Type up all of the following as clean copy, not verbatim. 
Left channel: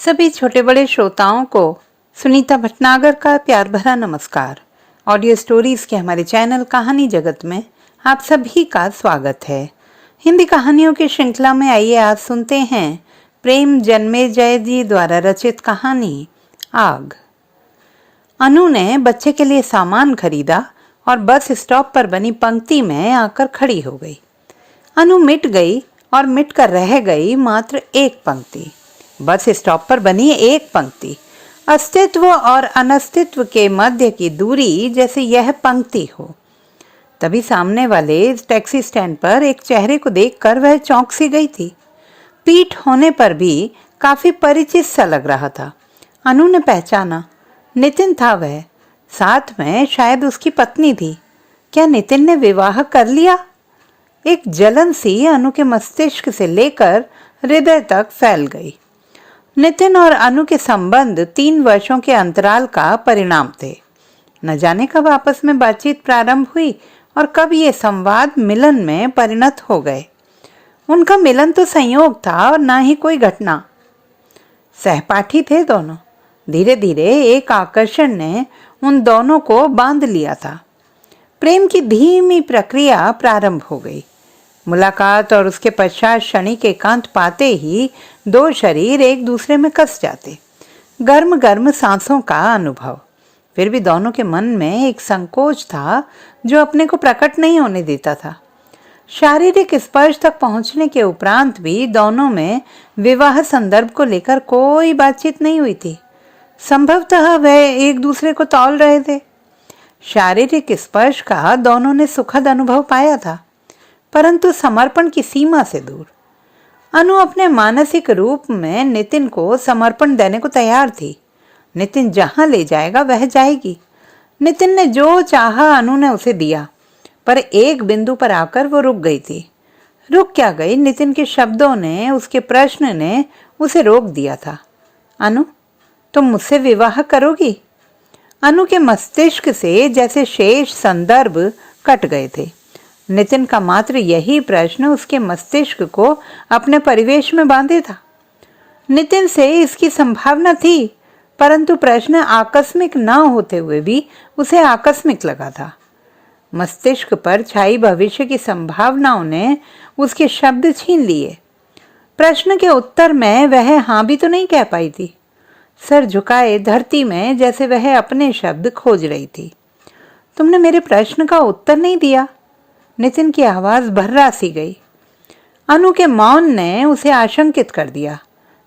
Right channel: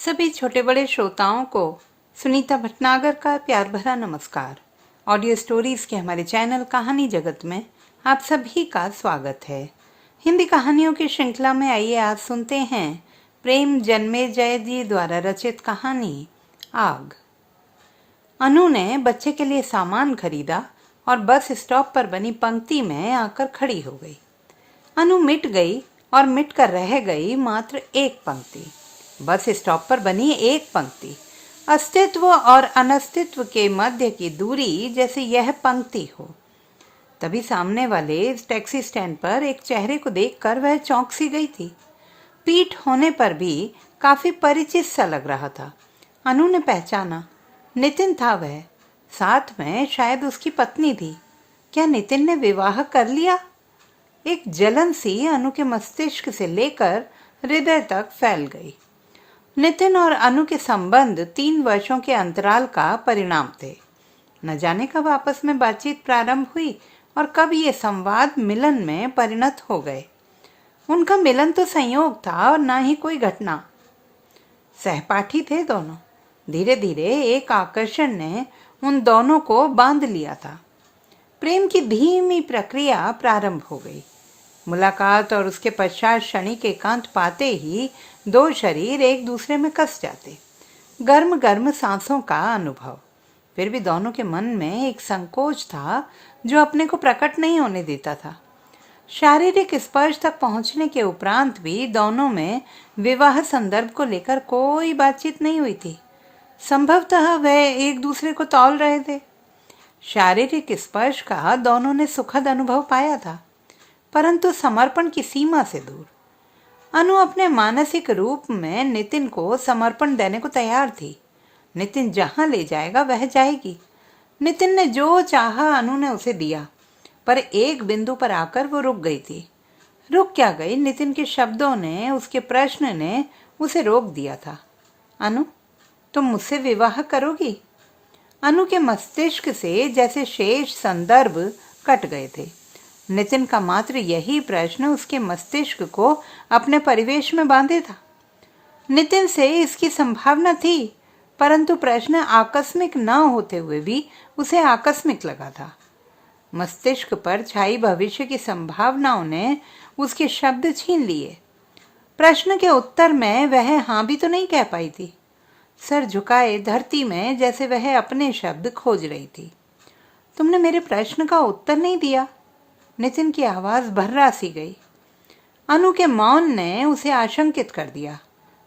सभी छोटे बड़े श्रोताओं को सुनीता भटनागर का प्यार भरा नमस्कार। ऑडियो स्टोरीज के हमारे चैनल कहानी जगत में आप सभी का स्वागत है। हिंदी कहानियों की श्रृंखला में आइए आज सुनते हैं प्रेम जन्मेजय जी द्वारा रचित कहानी आग। अनु ने बच्चे के लिए सामान खरीदा और बस स्टॉप पर बनी पंक्ति में आकर खड़ी हो गई। अनु मिट गई और मिट कर रह गई मात्र एक पंक्ति। बस स्टॉप पर बनी एक पंक्ति, अस्तित्व और अनस्तित्व के मध्य की दूरी जैसे यह पंक्ति हो। तभी सामने वाले टैक्सी स्टैंड पर एक चेहरे को देखकर वह चौंक सी गई थी। पीठ होने पर भी काफी परिचित सा लग रहा था। अनु ने पहचाना, नितिन था वह। साथ में शायद उसकी पत्नी थी। क्या नितिन ने विवाह कर लिया? एक जलन सी अनु के मस्तिष्क से लेकर हृदय तक फैल गई। नितिन और अनु के संबंध 3 वर्षों के अंतराल का परिणाम थे। न जाने कब आपस में बातचीत प्रारंभ हुई और कब ये संवाद मिलन में परिणत हो गए। उनका मिलन तो संयोग था और न ही कोई घटना। सहपाठी थे दोनों। धीरे धीरे एक आकर्षण ने उन दोनों को बांध लिया था। प्रेम की धीमी प्रक्रिया प्रारंभ हो गई। मुलाकात और उसके पश्चात क्षणिक एकांत पाते ही 2 शरीर एक दूसरे में कस जाते। गर्म गर्म सांसों का अनुभव। फिर भी दोनों के मन में एक संकोच था जो अपने को प्रकट नहीं होने देता था। शारीरिक स्पर्श तक पहुंचने के उपरांत भी दोनों में विवाह संदर्भ को लेकर कोई बातचीत नहीं हुई थी। संभवतः वह एक दूसरे को तौल रहे थे। शारीरिक स्पर्श का दोनों ने सुखद अनुभव पाया था, परंतु समर्पण की सीमा से दूर। अनु अपने मानसिक रूप में नितिन को समर्पण देने को तैयार थी। नितिन जहां ले जाएगा वह जाएगी। नितिन ने जो चाहा अनु ने उसे दिया, पर एक बिंदु पर आकर वो रुक गई थी। रुक क्या गई? नितिन के शब्दों ने, उसके प्रश्न ने उसे रोक दिया था। अनु, तुम मुझसे विवाह करोगी? अनु के मस्तिष्क से जैसे शेष संदर्भ कट गए थे। नितिन का मात्र यही प्रश्न उसके मस्तिष्क को अपने परिवेश में बांधे था। नितिन से इसकी संभावना थी, परंतु प्रश्न आकस्मिक न होते हुए भी उसे आकस्मिक लगा था। मस्तिष्क पर छाई भविष्य की संभावनाओं ने उसके शब्द छीन लिए। प्रश्न के उत्तर में वह हाँ भी तो नहीं कह पाई थी। सर झुकाए धरती में जैसे वह अपने शब्द खोज रही थी। तुमने मेरे प्रश्न का उत्तर नहीं दिया। नितिन की आवाज भर्रा सी गई। अनु के मौन ने उसे आशंकित कर दिया।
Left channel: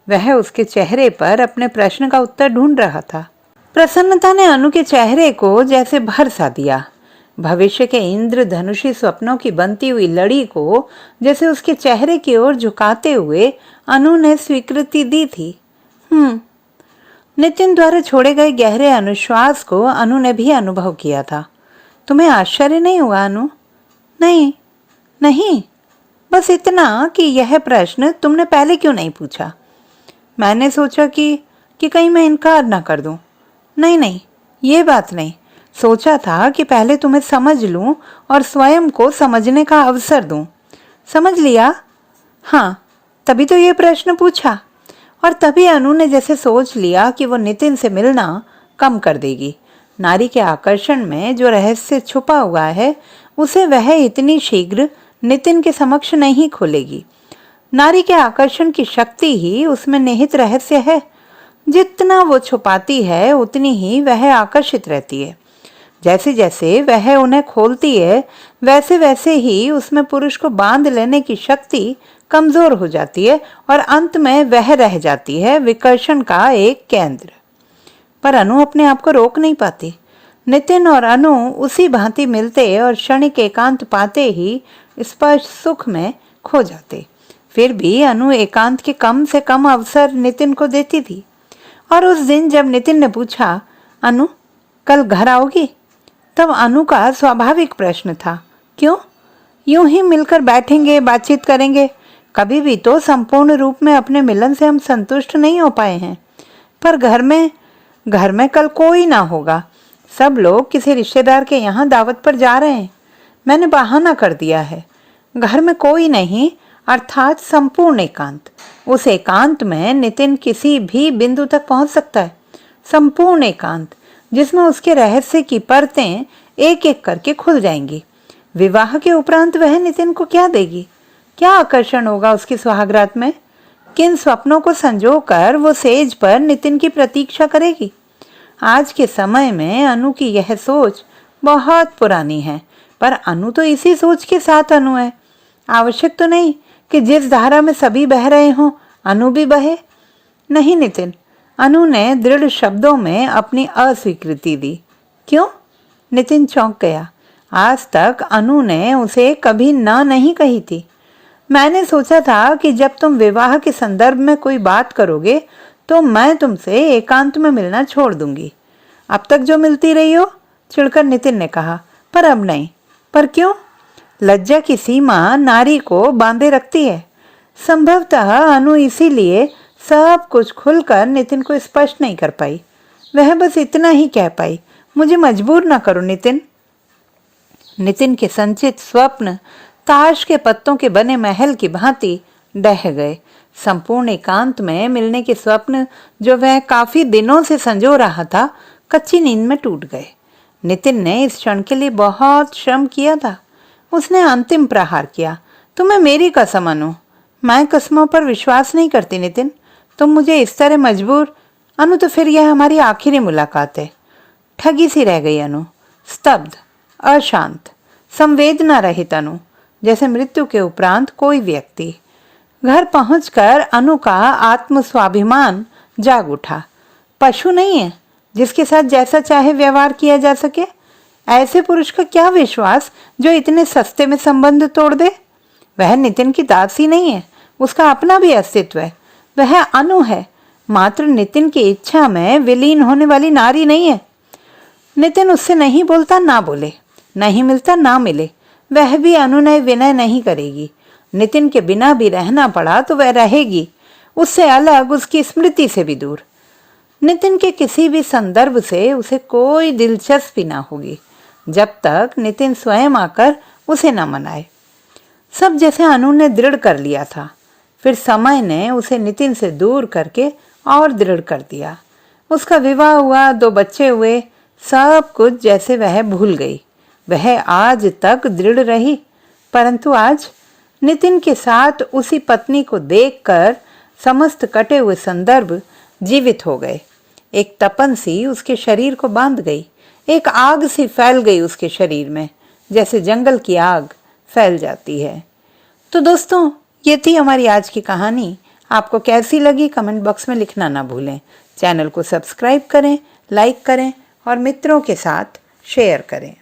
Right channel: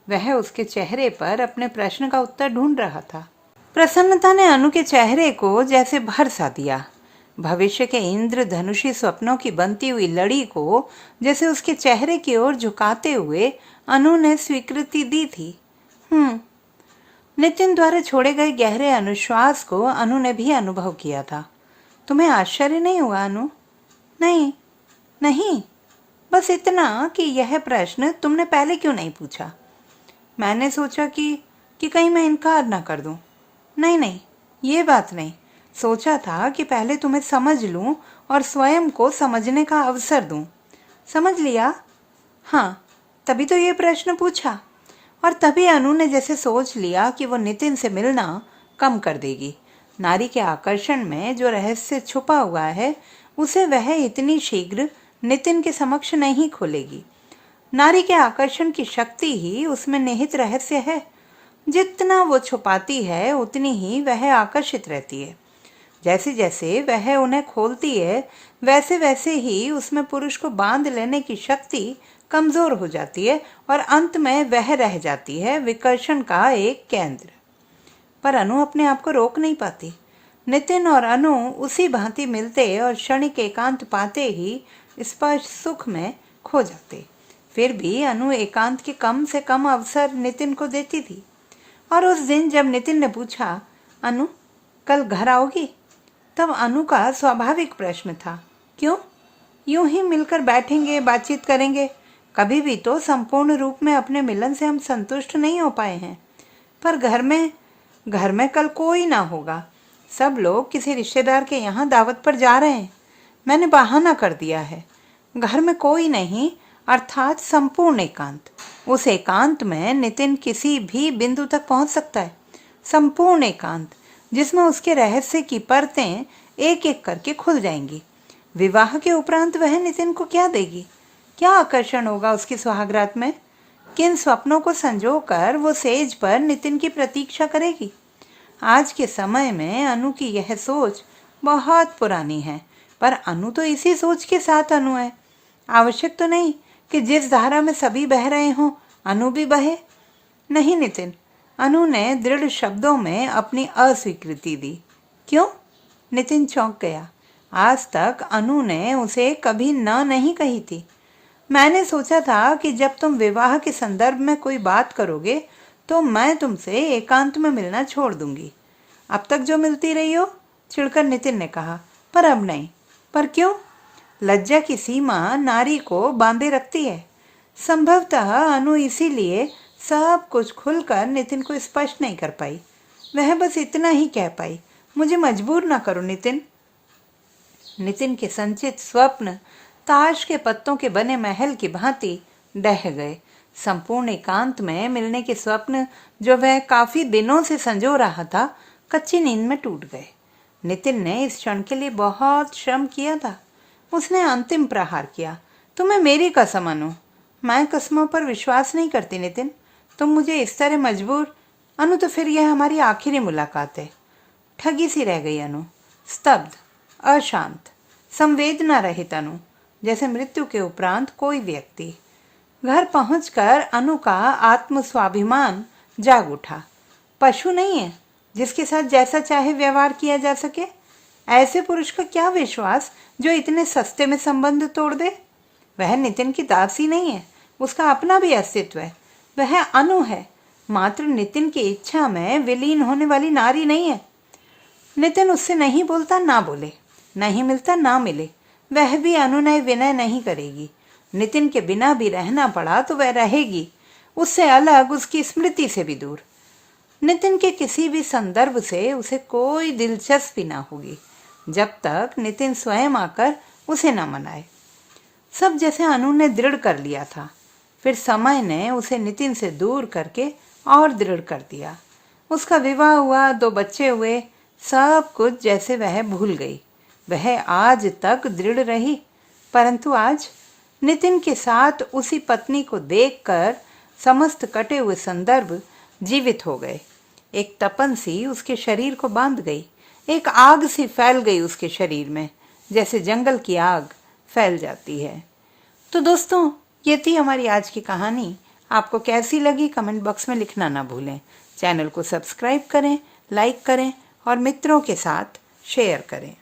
वह उसके चेहरे पर अपने प्रश्न का उत्तर ढूंढ रहा था। प्रसन्नता ने अनु के चेहरे को जैसे भर सा दिया। भविष्य के इंद्रधनुषी स्वप्नों की बनती हुई लड़ी को जैसे उसके चेहरे की ओर झुकाते हुए अनु ने स्वीकृति दी थी। नितिन द्वारा छोड़े गए गहरे अनुश्वास को अनु ने भी अनुभव किया था। तुम्हें आश्चर्य नहीं हुआ अनु? नहीं, बस इतना कि यह प्रश्न तुमने पहले क्यों नहीं पूछा। मैंने सोचा कि कहीं मैं इनकार ना कर दूं। नहीं, ये बात नहीं। सोचा था कि पहले तुम्हें समझ लूं और स्वयं को समझने का अवसर दूं। समझ लिया? हाँ, तभी तो ये प्रश्न पूछा। और तभी अनु ने जैसे सोच लिया कि वो नितिन से मिलना कम कर देगी। नारी के आकर्षण में जो रहस्य छुपा हुआ है उसे वह इतनी शीघ्र नितिन के समक्ष नहीं खोलेगी। नारी के आकर्षण की शक्ति ही उसमें निहित रहस्य है। जितना वो छुपाती है उतनी ही वह आकर्षित रहती है। जैसे जैसे वह उन्हें खोलती है वैसे वैसे ही उसमें पुरुष को बांध लेने की शक्ति कमजोर हो जाती है और अंत में वह रह जाती है विकर्षण का एक केंद्र। पर अनु अपने आप को रोक नहीं पाती। नितिन और अनु उसी भांति मिलते और क्षणिक एकांत पाते ही स्पर्श सुख में खो जाते। फिर भी अनु एकांत के कम से कम अवसर नितिन को देती थी। और उस दिन जब नितिन ने पूछा, अनु कल घर आओगी, तब अनु का स्वाभाविक प्रश्न था, क्यों? यूं ही मिलकर बैठेंगे, बातचीत करेंगे। कभी भी तो संपूर्ण रूप में अपने मिलन से हम संतुष्ट नहीं हो पाए हैं। पर घर में कल कोई ना होगा। सब लोग किसी रिश्तेदार के यहाँ दावत पर जा रहे हैं। मैंने बहाना कर दिया है। घर में कोई नहीं, अर्थात संपूर्ण एकांत। उस एकांत में नितिन किसी भी बिंदु तक पहुंच सकता है। संपूर्ण एकांत जिसमें उसके रहस्य की परतें एक एक करके खुल जाएंगी। विवाह के उपरांत वह नितिन को क्या देगी? क्या आकर्षण होगा उसकी सुहागरात में? किन स्वप्नों को संजोकर वो सेज पर नितिन की प्रतीक्षा करेगी? आज के समय में अनु की यह सोच बहुत पुरानी है, पर अनु तो इसी सोच के साथ अनु है। आवश्यक तो नहीं कि जिस धारा में सभी बह रहे हों अनु भी बहे। नहीं नितिन, अनु ने दृढ़ शब्दों में अपनी अस्वीकृति दी। क्यों? नितिन चौंक गया। आज तक अनु ने उसे कभी ना नहीं कही थी। मैंने सोचा था कि जब तुम विवाह के संदर्भ में कोई बात करोगे तो मैं तुमसे एकांत में मिलना छोड़ दूंगी। अब तक जो मिलती रही हो, चिढ़कर नितिन ने कहा। पर अब नहीं। पर क्यों? लज्जा की सीमा नारी को बांधे रखती है। संभवतः अनु इसीलिए सब कुछ खुलकर नितिन को स्पष्ट नहीं कर पाई। वह बस इतना ही कह पाई, मुझे मजबूर ना करो नितिन। नितिन के संचित स्वप्न ताश के पत्तों के बने महल की भांति ढह गए। संपूर्ण एकांत में मिलने के स्वप्न जो वह काफी दिनों से संजो रहा था, कच्ची नींद में टूट गए। नितिन ने इस क्षण के लिए बहुत श्रम किया था। उसने अंतिम प्रहार किया। तुम्हें मेरी कसम अनु। मैं कसमों पर विश्वास नहीं करती नितिन। तुम मुझे इस तरह मजबूर। अनु, तो फिर यह हमारी आखिरी मुलाकात है। ठगी सी रह गई अनु, स्तब्ध, अशांत, संवेदना रहित अनु, जैसे मृत्यु के उपरांत कोई व्यक्ति। घर पहुंचकर अनु का आत्म स्वाभिमान जाग उठा। पशु नहीं है जिसके साथ जैसा चाहे व्यवहार किया जा सके। ऐसे पुरुष का क्या विश्वास जो इतने सस्ते में संबंध तोड़ दे। वह नितिन की दासी नहीं है, उसका अपना भी अस्तित्व है। वह अनु है, मात्र नितिन की इच्छा में विलीन होने वाली नारी नहीं है। नितिन उससे नहीं बोलता ना बोले, नहीं मिलता ना मिले, वह भी अनुनय विनय नहीं करेगी। नितिन के बिना भी रहना पड़ा तो वह रहेगी, उससे अलग, उसकी स्मृति से भी दूर। नितिन के किसी भी संदर्भ से उसे कोई दिलचस्पी ना होगी जब तक नितिन स्वयं आकर उसे न मनाए। सब जैसे अनु ने दृढ़ कर लिया था, फिर समय ने उसे नितिन से दूर करके और दृढ़ कर दिया। उसका विवाह हुआ, 2 बच्चे हुए, सब कुछ जैसे वह भूल गई। वह आज तक दृढ़ रही, परंतु आज नितिन के साथ उसी पत्नी को देखकर समस्त कटे हुए संदर्भ जीवित हो गए। एक तपन सी उसके शरीर को बांध गई, एक आग सी फैल गई उसके शरीर में, जैसे जंगल की आग फैल जाती है। तो दोस्तों, ये थी हमारी आज की कहानी। आपको कैसी लगी कमेंट बॉक्स में लिखना ना भूलें। चैनल को सब्सक्राइब करें, लाइक करें और मित्रों के साथ शेयर करें।